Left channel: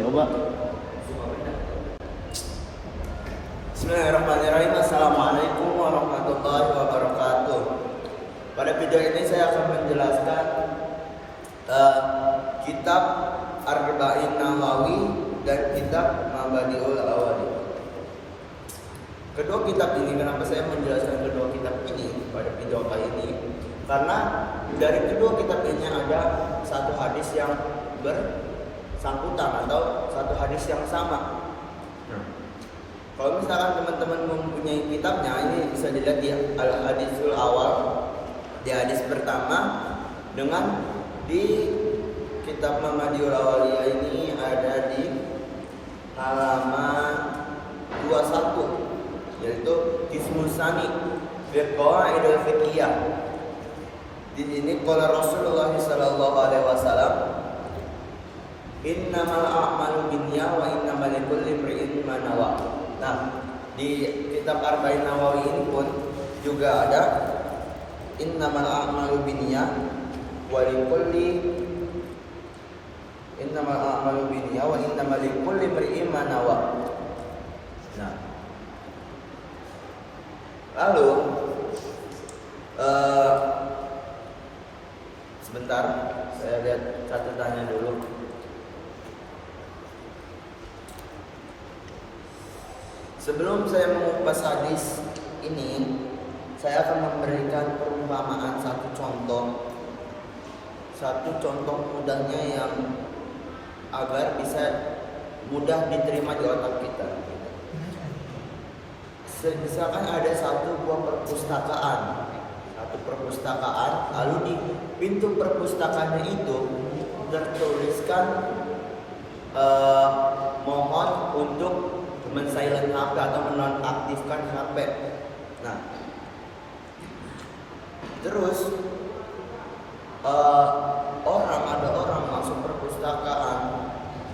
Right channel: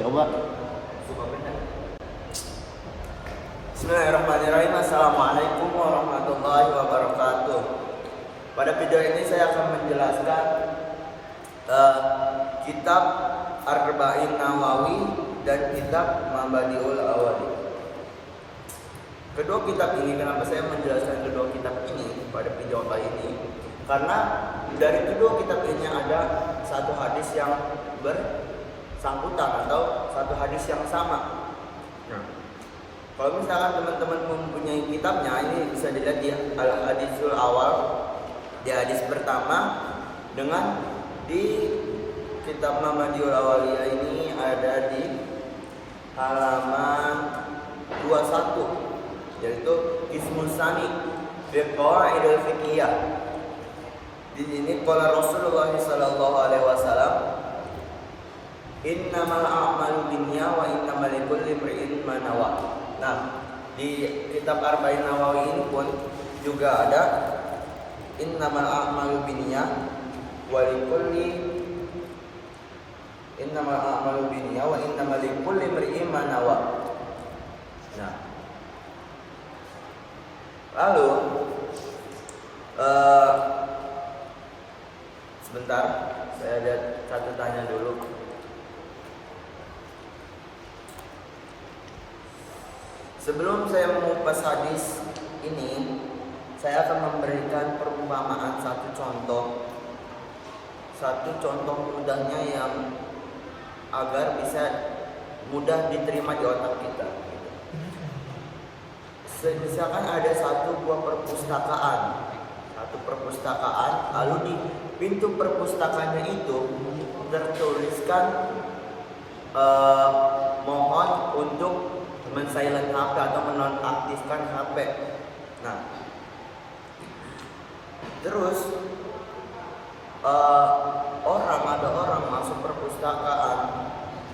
coba. Bismillahirrahmanirrahim. Assalamualaikum warahmatullahi wabarakatuh. Pada video ini saya akan menjelaskan kitab Arba'in Nawawi dan kitab Mabadiul Awali. Kedua kitab ini, kenapa saya menjelaskan kedua kitab ini pada video kali ini? Karena dari kedua kitab ini ada satu hadis yang bersangkutan atau satu hadis yang sama. Kalau misalkan teman-teman mempunyai kitabnya, ini bisa dilihat di Al-Hadisul Awal, di hadis pertama, dengan di kitab Mabadiul Awaliyah ini ada di halaman 21, yaitu Qismus Tsani fi Qawaidil Fiqhiyah. Di sini qala Rasulullah sallallahu alaihi wasallam, innamal a'malu binniyah wa innamal likulli imri'in ma nawa. Nah, di kitab Arba'in Nawawi ini pun juga ada innamal a'malu binniyah wa likulli imri'in ma nawa. Nah, lalu sebentar, saya lihat catatannya dulu. Sebelum saya mengupas hadis ini, saya akan memberikan perumpamaan satu contoh mudahnya yang agar bisa mudah diterima di otak kita. Misalkan ada satu buah perpustakaan, lalu di pintu perpustakaannya itu tertuliskan mohon untuk men-silent HP atau menonaktifkan HP. Nah, terus ada orang masuk perpustakaan,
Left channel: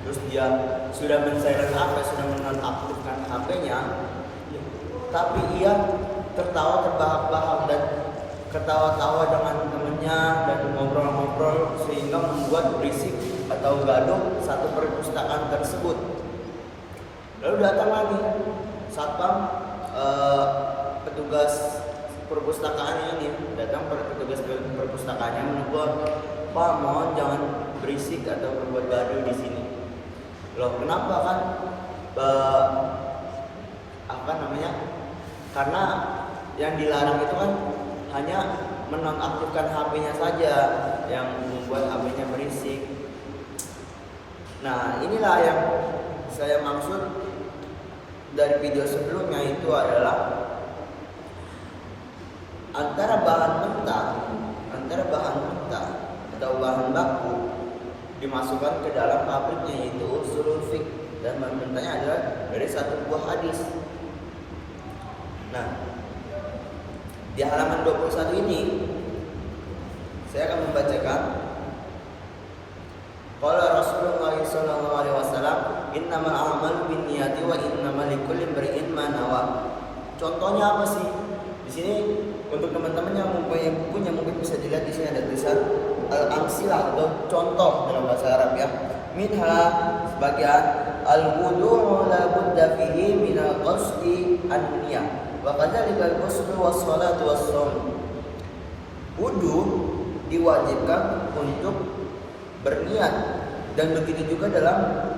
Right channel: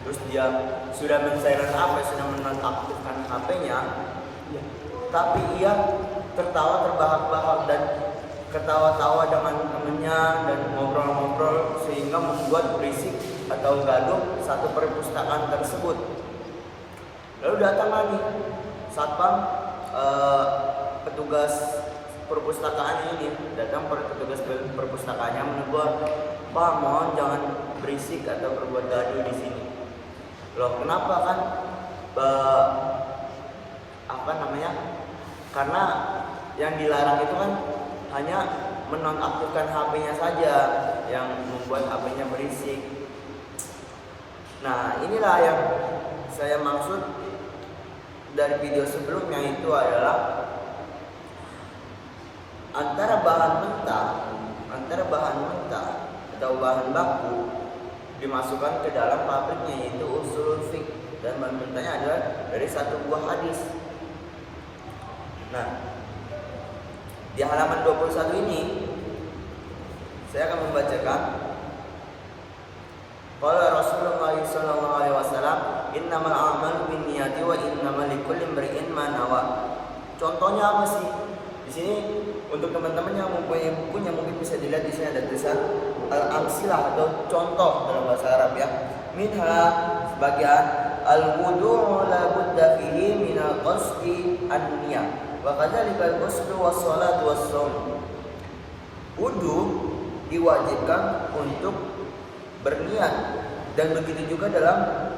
terus dia sudah men-silent HP, sudah menonaktifkan HP-nya, tapi ia tertawa terbahak-bahak dan ketawa-tawa dengan temannya dan ngobrol-ngobrol sehingga membuat berisik atau gaduh satu perpustakaan tersebut. Lalu datang lagi satpam, petugas perpustakaan ini datang, petugas perpustakaannya menegur, "Pak, mohon jangan berisik atau berbuat gaduh di sini." Loh, kenapa kan? Karena yang dilarang itu kan hanya menonaktifkan HP-nya saja yang membuat HP-nya berisik. Nah, inilah yang saya maksud dari video sebelumnya, itu adalah antara bahan mentah atau bahan baku dimasukkan ke dalam pabriknya, yaitu usulul fiqh, dan bahan mentahnya adalah dari satu buah hadis. Nah, di halaman 21 ini saya akan membacakan qala Rasulullah sallallahu alaihi wasallam, innamal a'malu binniyati wa innamal likulli imri'in ma nawa. Contohnya apa sih? Di sini untuk teman-teman yang mempunyai bukunya mungkin bisa dilihat di sini ada tulisan al-amsilah atau contoh dalam bahasa Arab ya. Minha sebagian al-wudu'u la budda fihi min al-qasdi an-niyah. Wa kadzalika al-ghuslu was-shalatu was-shaum. Wudu diwajibkan untuk berniat, dan begitu juga dalam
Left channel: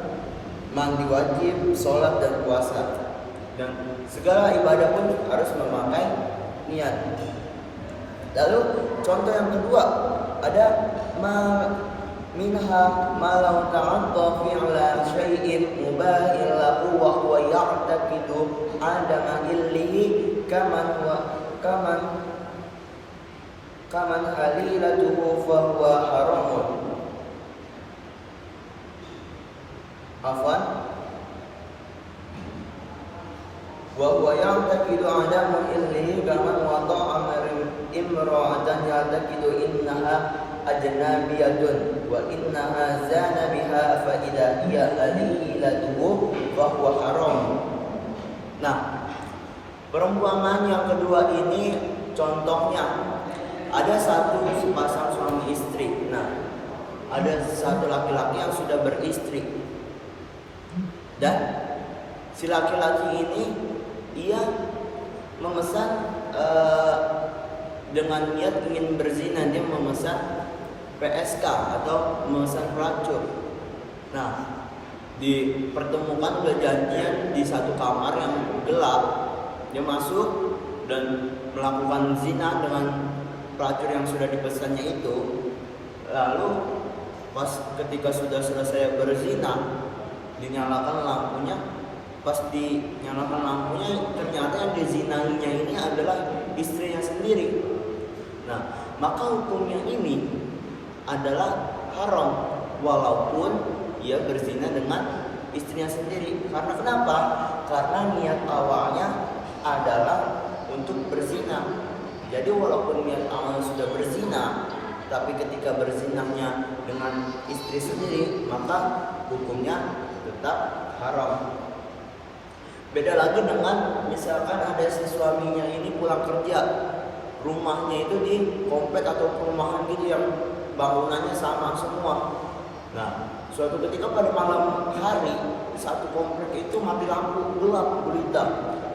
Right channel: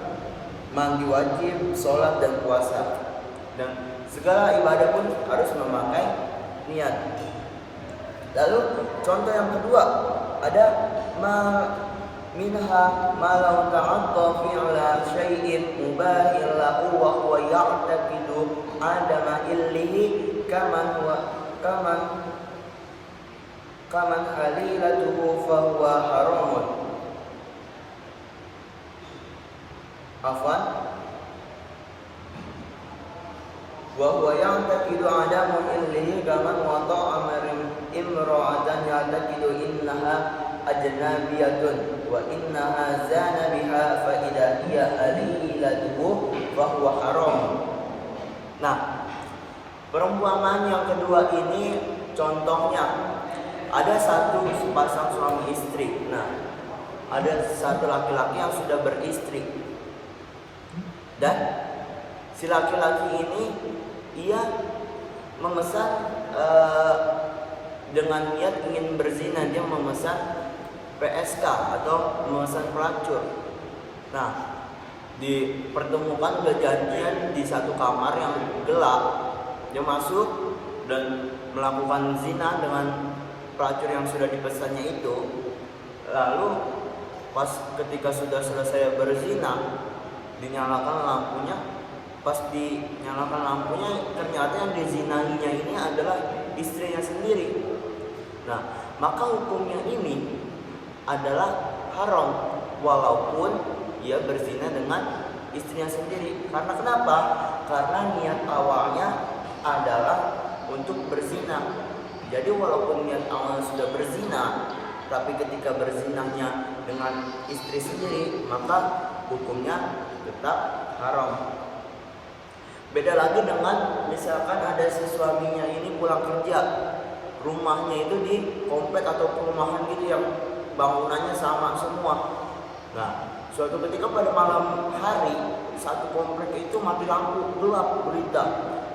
mandi wajib, sholat dan puasa, dan segala ibadah pun harus memakai niat. Lalu contoh yang kedua ada minha ma law ta'adda fi'la syai'in mubahin lahu wa huwa ya'taqidu adama illihi kaman halilatuhu fa huwa haramun. Afwan, wa huwa ya'taqidu adamu illihi kaman wada'a imra'atan ya'taqidu innaha ajnabiyatun wa innaha zana biha fa idza hiya halilatuhu fa huwa haram. Nah, perumpamaan yang kedua ini contohnya ada satu sepasang suami istri. Nah, ada satu laki-laki yang sudah beristri. Dan si laki-laki ini ia memesan dengan niat ingin berzina, dia memesan PSK atau memesan pelacur. Nah, dipertemukan berjanjian di satu kamar yang gelap. Dia masuk dan melakukan zina dengan pelacur yang sudah dipesannya itu. Lalu pas ketika sudah selesai berzina, dinyalakan lampunya. Pas dinyalakan lampunya, ternyata yang dizinainya ini adalah istrinya sendiri. Nah, maka hukumnya ini adalah haram walaupun ia berzina dengan istrinya sendiri. Karena kenapa? Karena niat awalnya adalah untuk berzina. Jadi walaupun niat awalnya sudah berzina, tapi ketika berzinahnya dengan istri sendiri, maka hukumnya tetap haram. Beda lagi dengan misalkan ada si suaminya ini pulang kerja, rumahnya itu di komplek atau perumahan gitu yang bangunannya sama semua. Nah, suatu ketika pada malam hari satu komplek itu mati lampu, gelap gulita,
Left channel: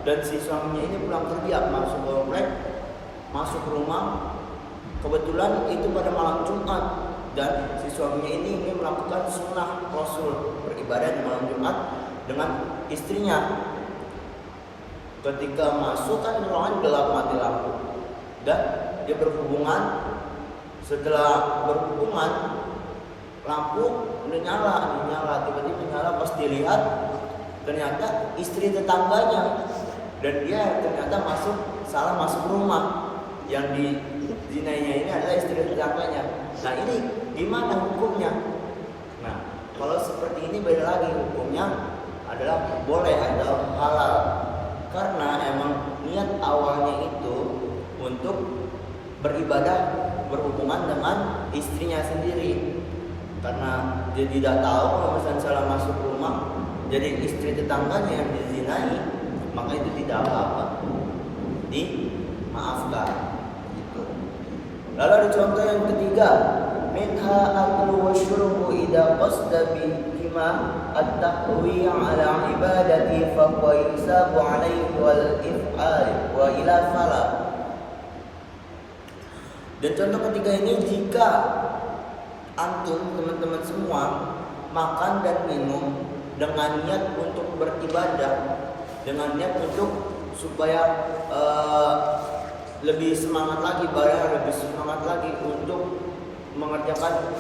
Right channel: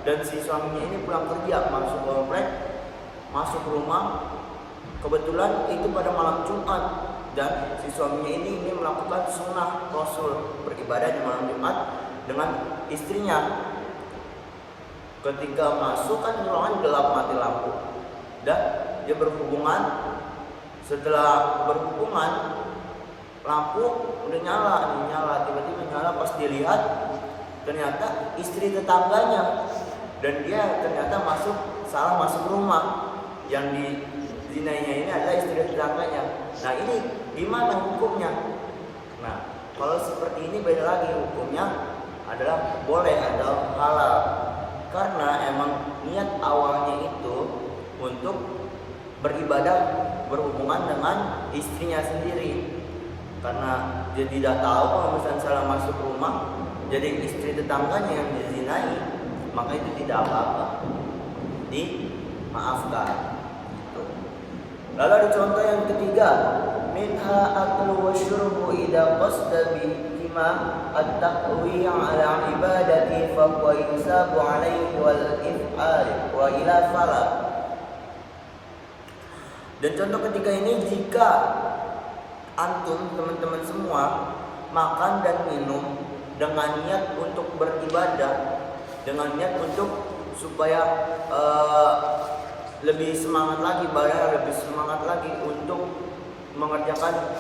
dan si suaminya ini pulang kerja masuk komplek, masuk rumah. Kebetulan itu pada malam Jumat dan si suaminya ini ingin melakukan sunnah Rasul, beribadah di malam Jumat dengan istrinya. Ketika masuk kan ruangan gelap mati lampu dan dia berhubungan. Setelah berhubungan lampu udah nyala, tiba-tiba nyala. Pas dilihat ternyata istri tetangganya dan dia ternyata salah masuk rumah. Yang dizinainya ini adalah istri tetangganya. Nah, ini gimana hukumnya? Nah, kalau seperti ini beda lagi, hukumnya adalah boleh atau halal. Karena emang niat awalnya itu untuk beribadah, berhubungan dengan istrinya sendiri. Karena dia tidak tahu kalau misalnya salah masuk rumah, jadi istri tetangganya yang dizinai, maka itu tidak apa-apa, dimaafkan gitu. Lalu ada contoh yang ketiga, minha aklu wa syurbu idza qasda bihima at-taqwi' ala ibadati fa huwa yusabu alaihi wal if'al wa ila fala. Dan contoh ketiga ini, jika antum teman-teman semua makan dan minum dengan niat untuk beribadah, dengan niat untuk supaya lebih semangat lagi, lebih semangat lagi untuk mengerjakan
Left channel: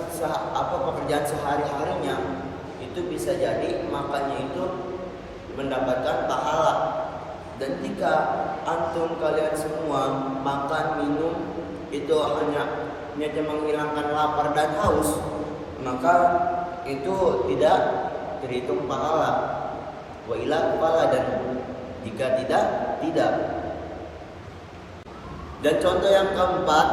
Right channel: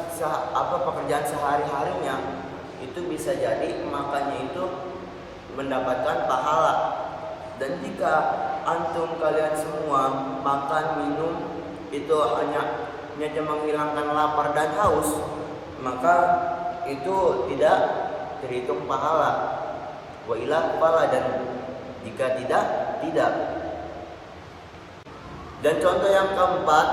pekerjaan sehari-harinya, itu bisa jadi makannya itu mendapatkan pahala. Dan jika antum kalian semua makan minum itu hanya menghilangkan lapar dan haus, maka itu tidak terhitung pahala. Wa ila pahala, dan jika tidak. Dan contoh yang keempat,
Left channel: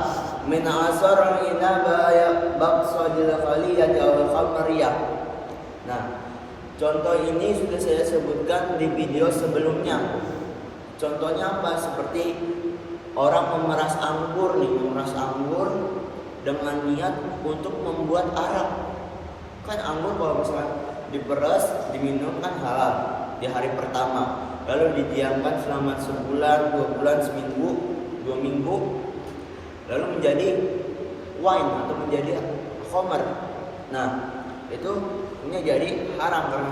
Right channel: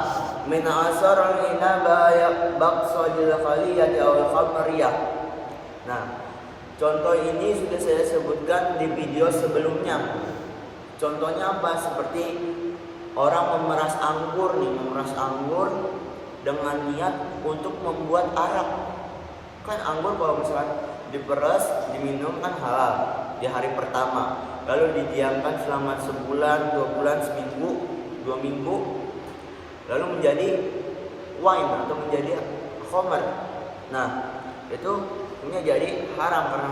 min asar al-inaba baqsadil khaliyati aw khamriyah. Nah, contoh ini sudah saya sebutkan di video sebelumnya. Contohnya apa? Seperti orang memeras anggur dengan niat untuk membuat arak. Kan anggur kalau misalnya diperas, diminum kan halal di hari pertama. Lalu didiamkan selama sebulan, 2 bulan, seminggu, 2 minggu, lalu menjadi wine atau menjadi khamr. Nah, itu ini jadi haram karena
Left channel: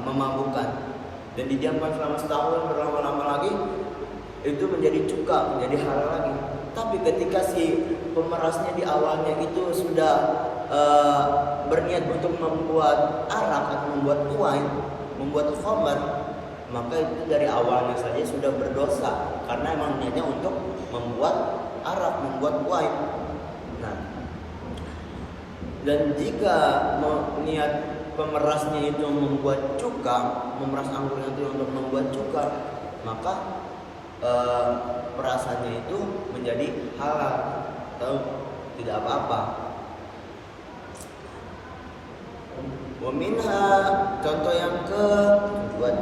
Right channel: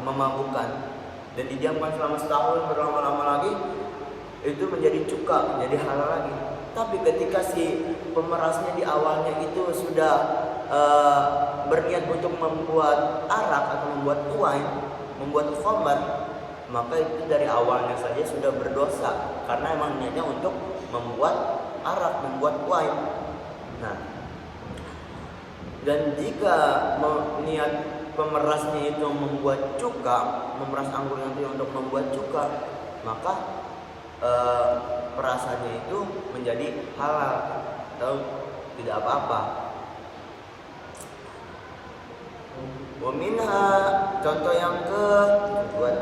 memabukkan. Dan didiamkan selama setahun, berlama-lama lagi, itu menjadi cuka, menjadi halal lagi. Tapi ketika si pemerasnya di awalnya itu sudah berniat untuk membuat arak atau membuat wine, membuat khamr, maka itu dari awalnya saja sudah berdosa karena emang niatnya untuk membuat arak, membuat wine. Nah, dan jika niat pemerasnya itu membuat cuka, memeras anggur itu untuk membuat cuka, maka perasaannya itu menjadi halal atau tidak apa-apa. Wa minha, contoh yang ke-5.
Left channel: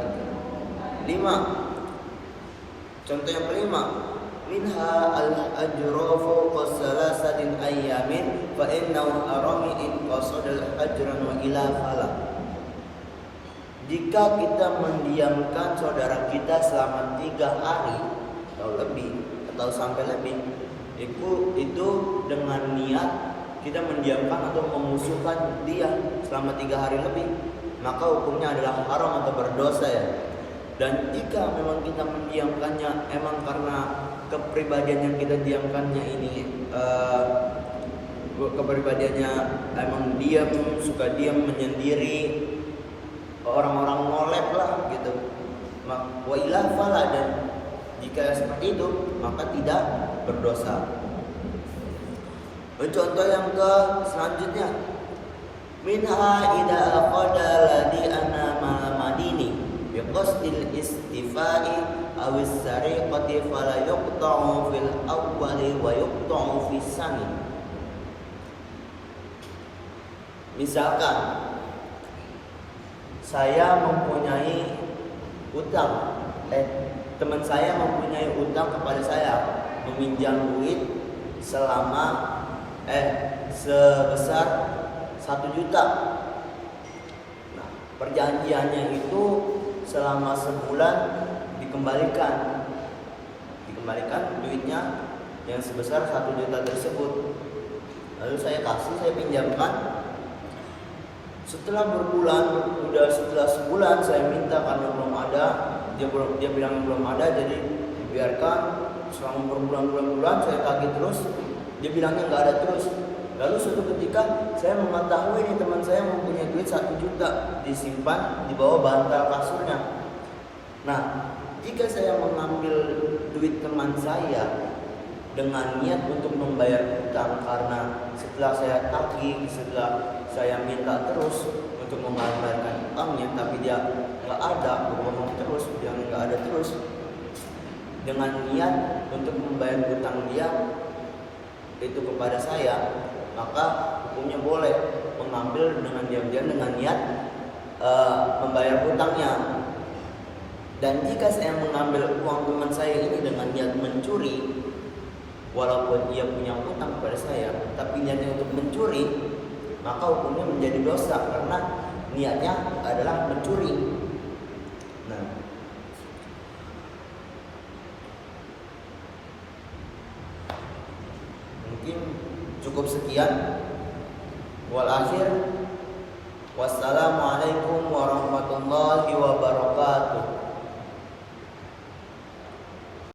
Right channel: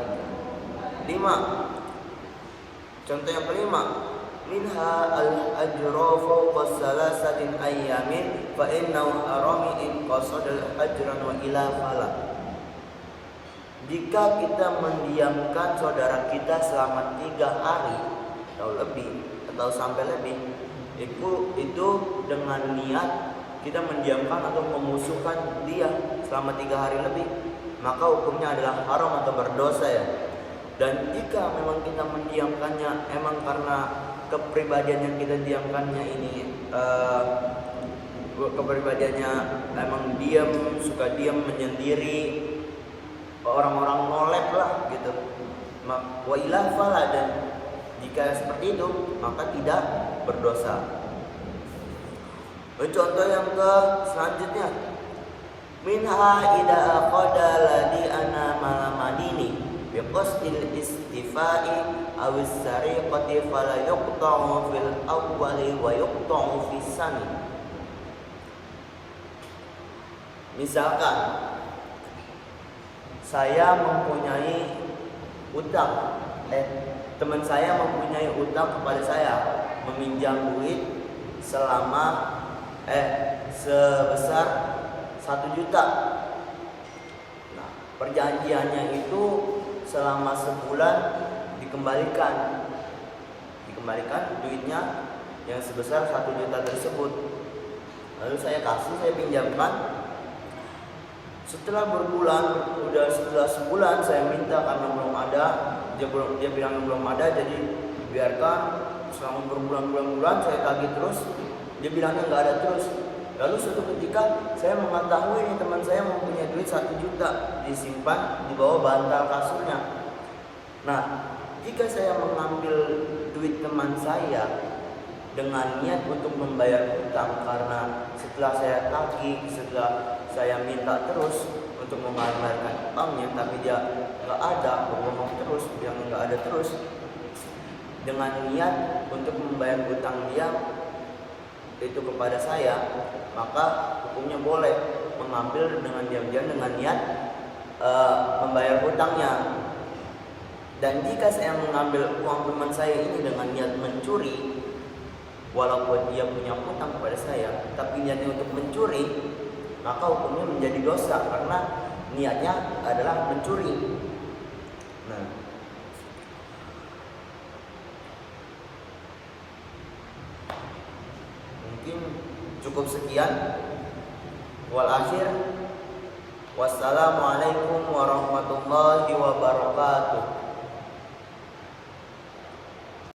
Contoh yang kelima, minha al-ajra fawqa salasatin ayyamin fa innahu harami in qasada al-ajran wa ila fala. jika kita mendiamkan saudara kita selama 3 hari atau lebih atau sampai lebih, itu dengan niat kita mendiamkan atau memusuhkan dia selama 3 hari lebih, maka hukumnya adalah haram atau berdosa ya. Dan jika memang kita mendiamkannya emang karena kepribadian yang kita diamkannya ini kepribadiannya emang diam, suka diam, menyendiri, orang-orang nolep lah gitu, wa ilah fala, dan jika seperti itu maka tidak berdosa. Contoh yang ke selanjutnya, minha ida aqada ladi ana madini biqasdil istifai awis sariqati fala yuqta'u fil awwali wa yuqta'u fis sani. Misalkan saya mempunyai utang, teman saya mempunyai utang kepada saya, meminjam duit selama sebesar 1 juta. Nah, perjanjiannya itu selama sebulan dikembalikan duitnya yang sebesar 1 juta tersebut. Lalu saya pinjamkan. Setelah setelah sebulan saya minta karena belum ada, dia bilang belum ada, jadi biarkan selama berbulan-bulan saya tagih terus, dia bilangnya nggak ada terus. Lalu suatu ketika saya mengetahui nih teman saya mempunyai duit 1 juta disimpan di bawah bantal kasurnya. Nah, jika saya mengambil duit teman saya dengan niat untuk membayar utang, karena setelah saya tagih, setelah saya minta terus untuk mengalarkan utangnya, tapi dia nggak ada, berbohong terus, bilang nggak ada terus, dengan niat untuk membayar utang dia itu kepada saya, maka hukumnya boleh mengambil dengan diam-diam dengan niat membayar utangnya. Dan jika saya mengambil uang teman saya ini dengan niat mencuri, walaupun dia punya utang kepada saya, tapi niatnya untuk mencuri, maka hukumnya menjadi dosa karena niatnya adalah mencuri. Nah, mungkin cukup sekian. Wal akhir, wassalamualaikum warahmatullahi wabarakatuh.